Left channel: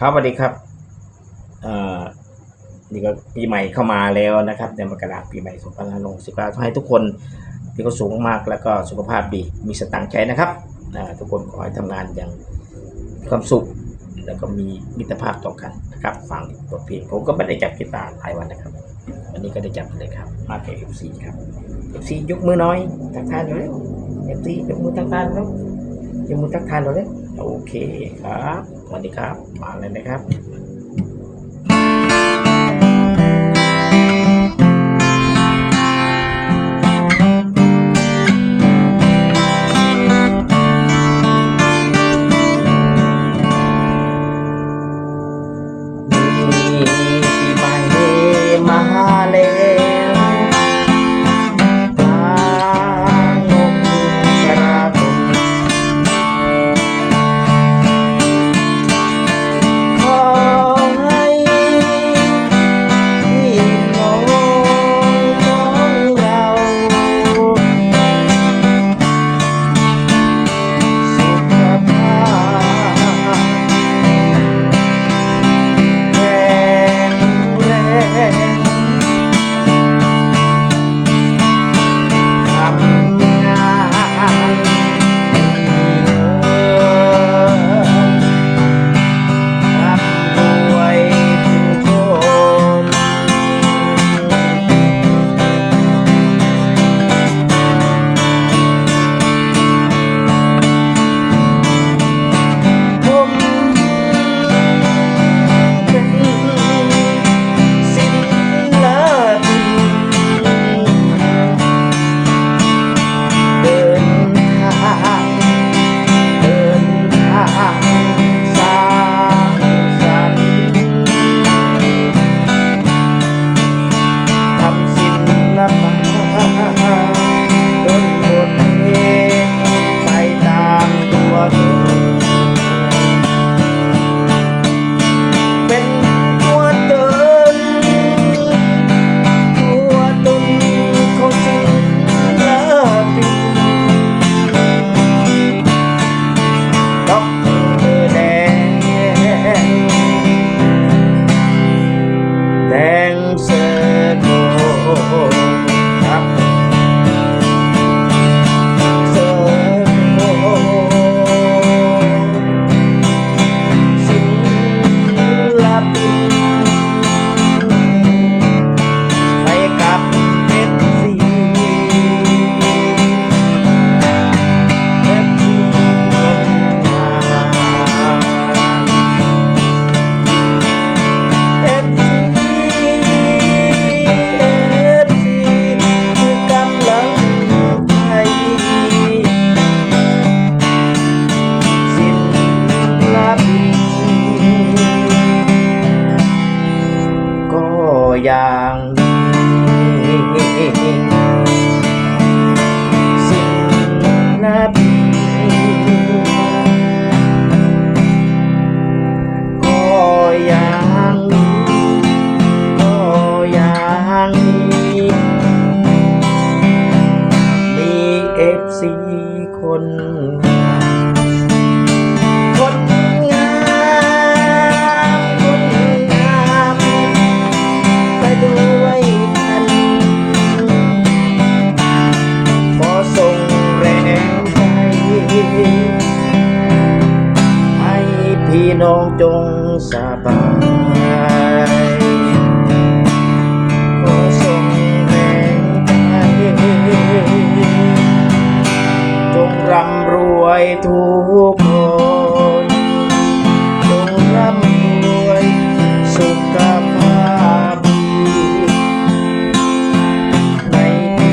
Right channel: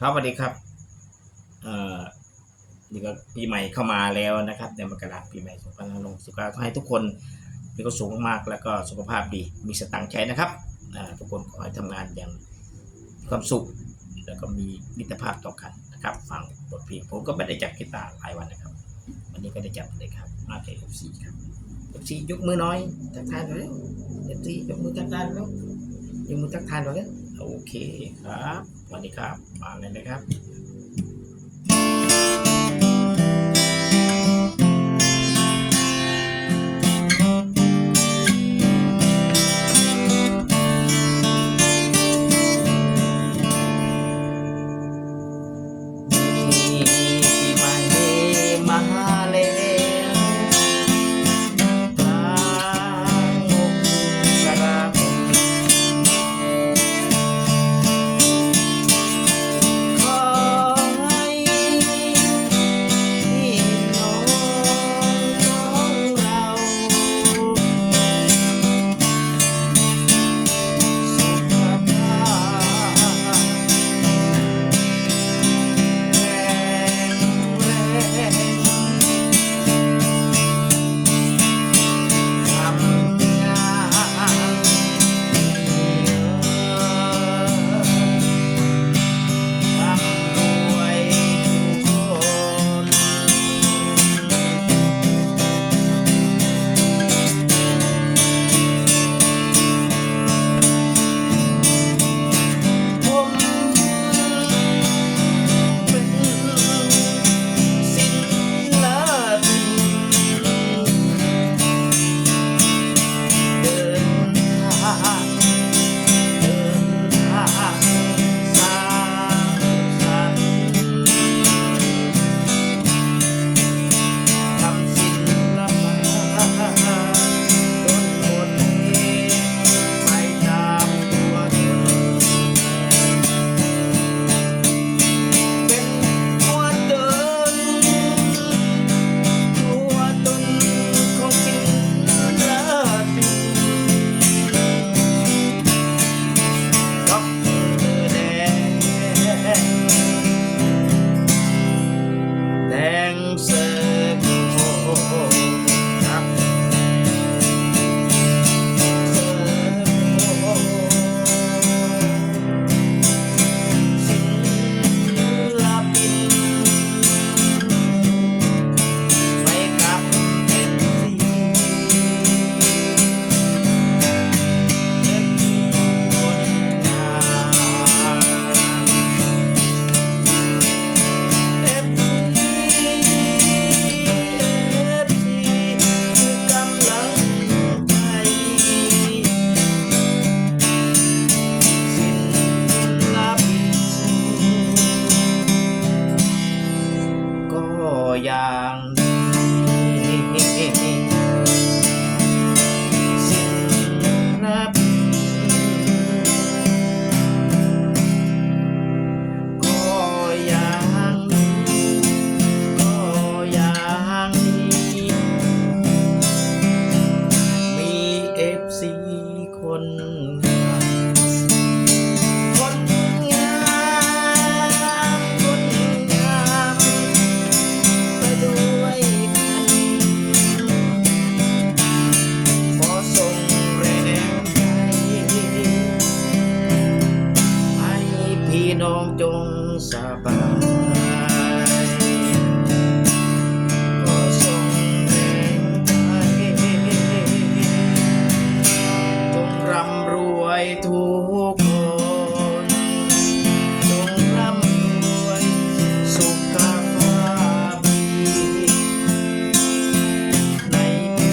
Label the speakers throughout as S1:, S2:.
S1: ครับสวัสดีครับอ่อนี่ก็ปีใหม่เข้ามาแล้วนะครับในมกราปีใหม่2569ขอให้ทุกคนมีความสุขมากแล้วก็สุขภาพดีมีสตังค์ใช้นะครับอ่าทุกคนขอให้ทำงานอย่างมีความสุข แล้วก็มีมิตรภาพต่อกันนะครับฟังบทเพลงผมก็ไม่ได้จับกีตาร์หลายวันนะครับ วันนี้ก็ได้จับเลยครับ มาแก่ FC ครับ FC ยกมือน้อยทักทายหน่อยเร็ว FC ยกมือทักทายแล้วยกมือทักทายหน่อยเร็ว โอเคครับสวัสดีครับ มาเลยนะครับ วยทุกคนจงร่ำรวยสุขภาพดีในปี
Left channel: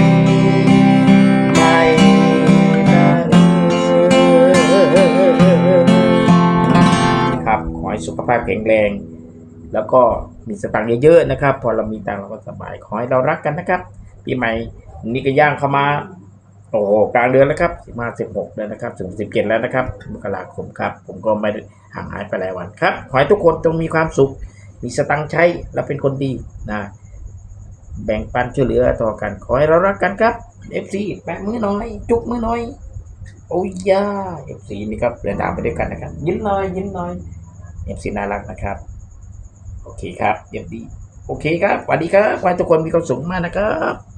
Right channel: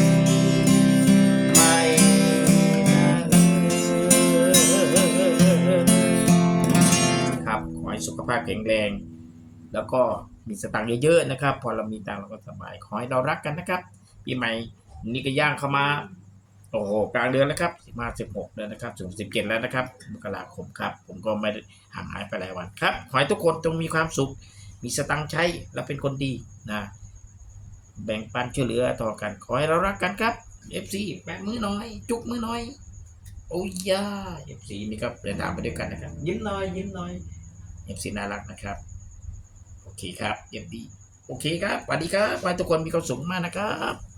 S1: ใหม่นะครับ ขอให้สุขภาพแข็งแรง แล้วก็มีสตังค์เยอะๆนะครับ พอเรามีตังค์เราก็สบาย ขอให้เรารักกันนะครับ ปีใหม่นี่ก็ย่างเข้ามา โอ้โหกลางเดือนแล้วครับสิบห้าสิบหกแล้วนะครับถึงสิบเจ็ดแล้วนะครับมกราคมครับ ผมก็ไม่ห่างหายไปหลายวันครับ ขอให้ทุกคนจงมีความสุข มีสตังค์ใช้และเป็นคนดีนะแบ่งปันช่วยเหลือต่อกัน ขอให้เรารักกันครับ FC แปะมือหน่อย จุกมือหน่อย โอ้ยยา FC นี่ครับเดินทางไปด้วยกันนะครับ ยิ้มหน่อยยิ้มหน่อยเอฟซีน่ารักนะครับ โอเคครับเยี่ยมดี โอเคครับสวัสดีครับขอให้ทุกคนมีความสุขมากนะครับ